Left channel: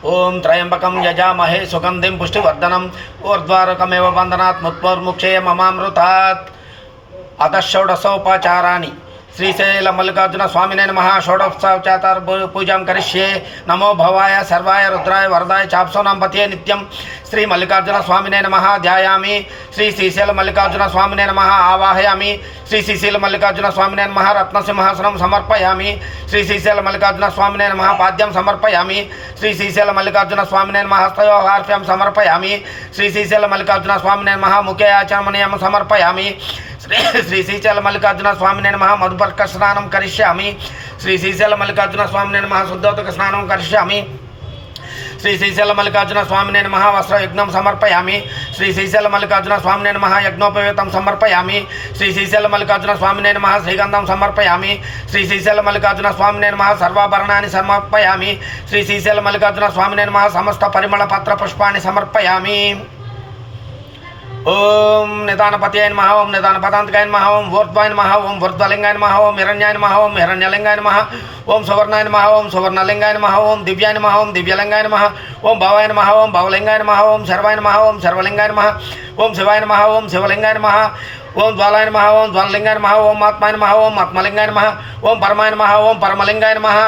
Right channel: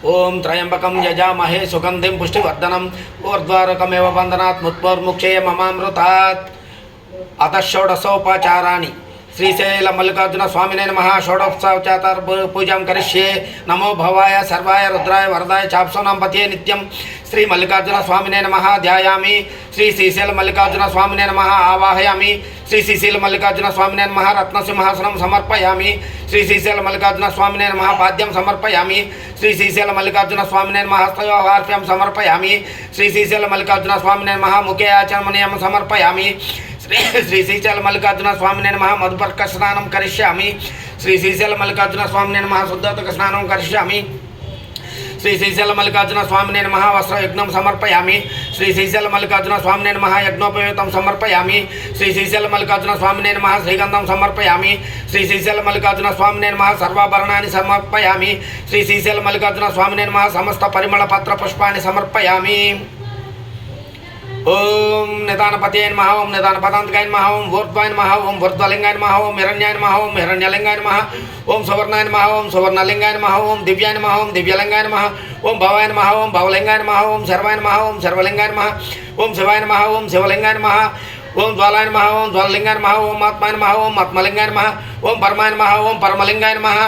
ओं त्र्यंबकं यजामहे सुगंधिं पुष्टिवर्धनम् ऊर्ध्वारुकमेव बन्धनात् मुक्तोर्मुक्षेय ममामृतात्। अतः षोडशोपचाराणि श्रीशैल मल्लिकार्जुन स्वामिने नमः। षोडशोपचार पूजा करिष्ये। नमो भवाय सर्वाय रुद्राय वरदाय चाप्सोनां पतये नित्यं श्री मल्लिकार्जुन स्वामिने नमः। ध्यायामि श्री श्रीशैल मल्लिकार्जुन स्वामिने नमः। आवाहयामि श्री श्रीशैल मल्लिकार्जुन स्वामिने नमः। रत्नसिंहासनं समर्पयामि श्री श्रीशैल मल्लिकार्जुन स्वामिने नमः। पाद्यं समर्पयामि श्री श्रीशैल मल्लिकार्जुन स्वामिने नमः। हस्तयोर्घ्यं समर्पयामि श्री श्रीशैल मल्लिकार्जुन स्वामिने नमः। मुखे आचमनीयं समर्पयामि श्री श्रीशैल मल्लिकार्जुन स्वामिने नमः। मधुपर्क स्नानं करिष्यामि श्री श्रीशैल मल्लिकार्जुन स्वामिने नमः। शुद्धोदक स्नानं करिष्यामि श्री श्रीशैल मल्लिकार्जुन स्वामिने नमः। वस्त्रयज्ञं समर्पयामि श्री श्रीशैल मल्लिकार्जुन स्वामिने नमः। यज्ञोपवीतं समर्पयामि श्री श्रीशैल मल्लिकार्जुन स्वामिने नमः। श्रीगन्धं समर्पयामि श्री श्रीशैल मल्लिकार्जुन स्वामिने नमः। सर्वाभरणानि समर्पयामि श्री श्रीशैल मल्लिकार्जुन स्वामिने नमः। समस्त परिमलपत्र पुष्पाणि समर्पयामि। ओम निदानपतये नमः। ओम निदानपदान्तकाय नमः। ओम ऊर्ध्वाय नमः। ओम ऊर्ध्वलिंगाय नमः। ओम हिरण्याय नमः। ओम हिरण्यलिंगाय नमः। ओम सुवर्णाय नमः। ओम सुवर्णलिंगाय नमः। ओम दिव्याय नमः। ओम दिव्यलिंगाय नमः। ओम भवाय नमः। ओम भवलिंगाय नमः। ओम सर्वाय नमः। ओम सर्वलिंगाय नमः। ओम शिवाय नमः। ओम शिवलिंगाय नमः। ओम ज्वालाय नमः। ओम ज्वाललिंगाय नमः। ओम आत्माय नमः। ओम आत्मलिंगाय नमः। ओम परमाय नमः। ओम परमलिंगाय नमः।